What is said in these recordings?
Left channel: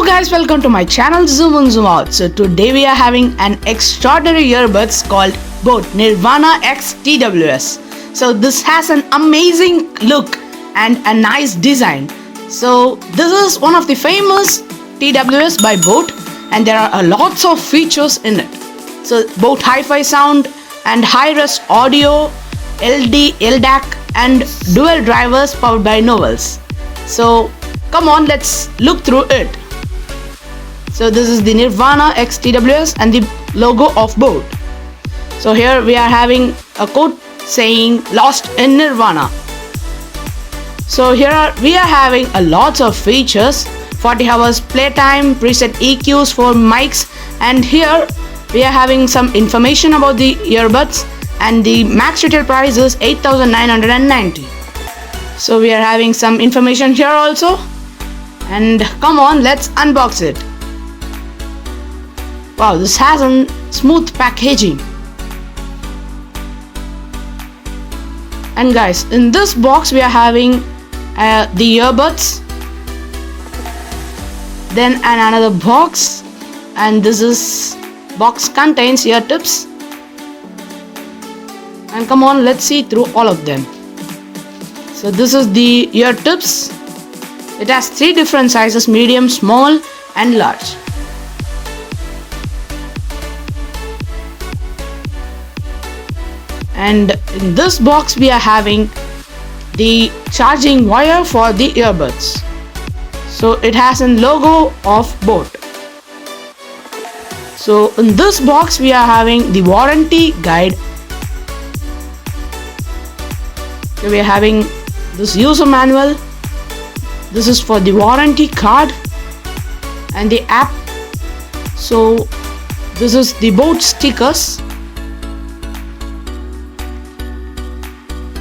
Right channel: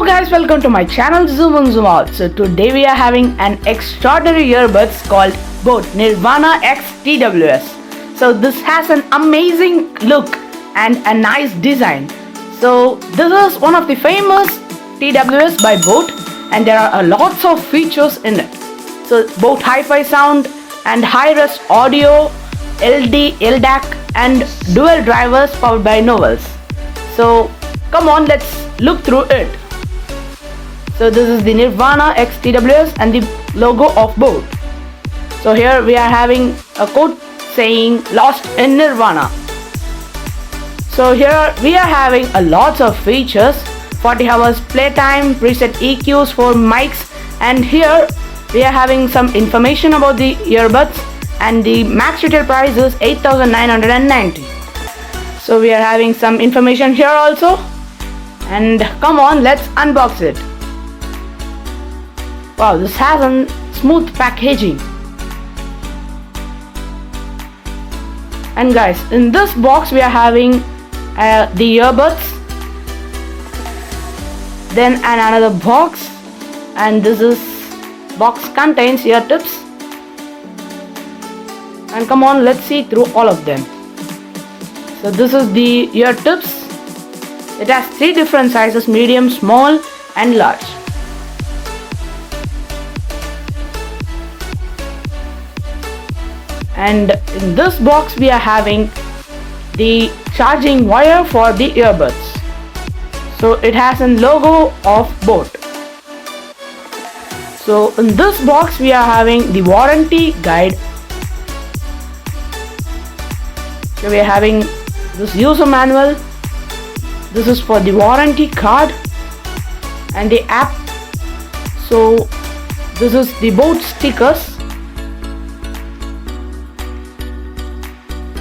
Hello guys, welcome to my channel Zoom in Zoom Out. So today we are having an extraordinary earbuds called BOAT NIRVANA X TWS. So this has an amazing look and a nice design. So this is one of the famous TWS by BOAT, and there are lots of features in it. So both hi-fi sound and high-res audio, LD, LDAC and dual drivers powered by Novels. So come on, let's look through it. So this is the Nirvana X TWS and the logo of BOAT. So here we are having a quote saying "Lost in Nirvana." So here we are having a lots of features: 40 hours playtime, preset EQs for mics, and here we are having some information about the earbuds, and the max retail price is 8,990. So we are having some information here also, and come on, let's unbox it. Wow, this has a smooth packaging. And guys, in this box we are having the earbuds, then another box, and this box contains ear tips. And come on, let's see through all of them. So this is the ear tips. It has 3 different sizes: medium, small and large. And in this box we are having the charging wire for the earbuds. So it has a logo of BOAT. So in this box we are having the warranty guide. So we are having this user manual. This is for the warranty card and the app. So this is the BOAT stickers.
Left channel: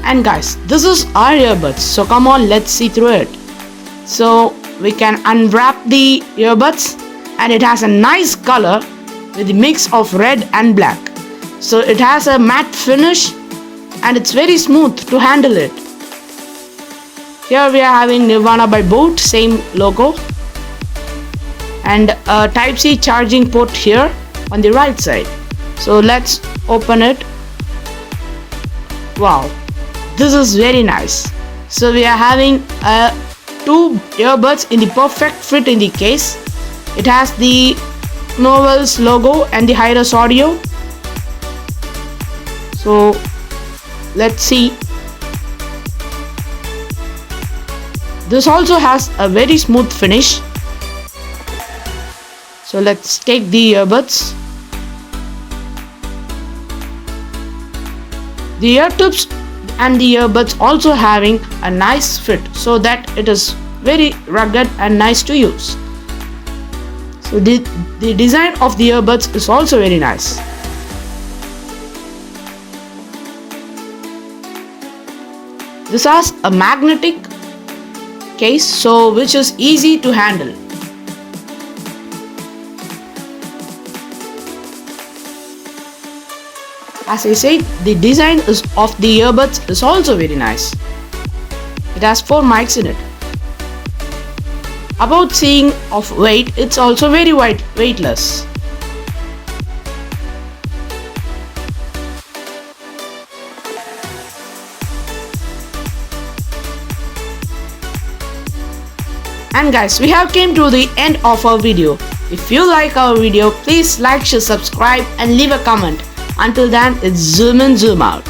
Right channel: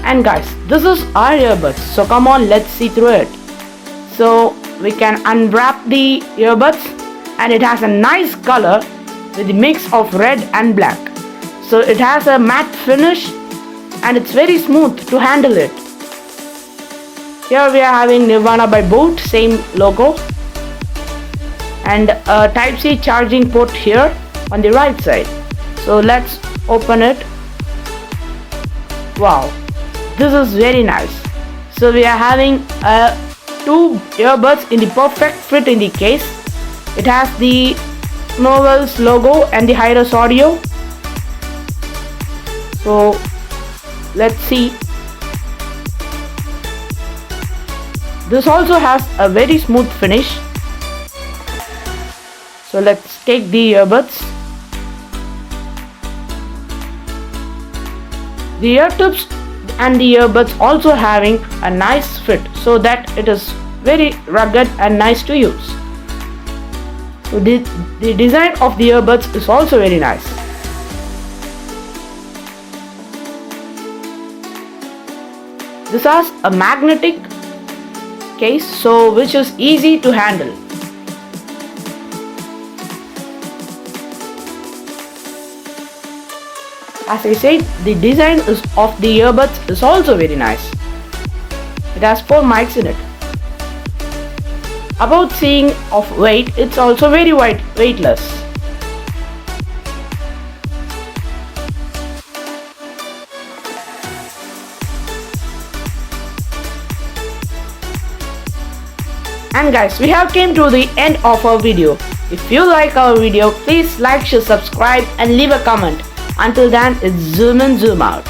And guys, this is our earbuds. So come on, let's see through it. So we can unwrap the earbuds, and it has a nice color with a mix of red and black. So it has a matte finish and it's very smooth to handle it. Here we are having Nirvana by BOAT, same logo, and a Type-C charging port here on the right side. So let's open it. Wow, this is very nice. So we are having 2 earbuds in the perfect fit in the case. It has the Novels logo and the high-res audio. So let's see. This also has a very smooth finish. So let's take the earbuds. The ear tips and the earbuds also having a nice fit, so that it is very rugged and nice to use. So the design of the earbuds is also very nice. This has a magnetic case, so which is easy to handle. As I said, the design of the earbuds is also very nice. It has 4 mics in it. About seeing of weight, it's also very weightless. And guys, we have came to the end of our video. If you like our video, please like, share, subscribe and leave a comment. Until then, it's Zoom in, Zoom out.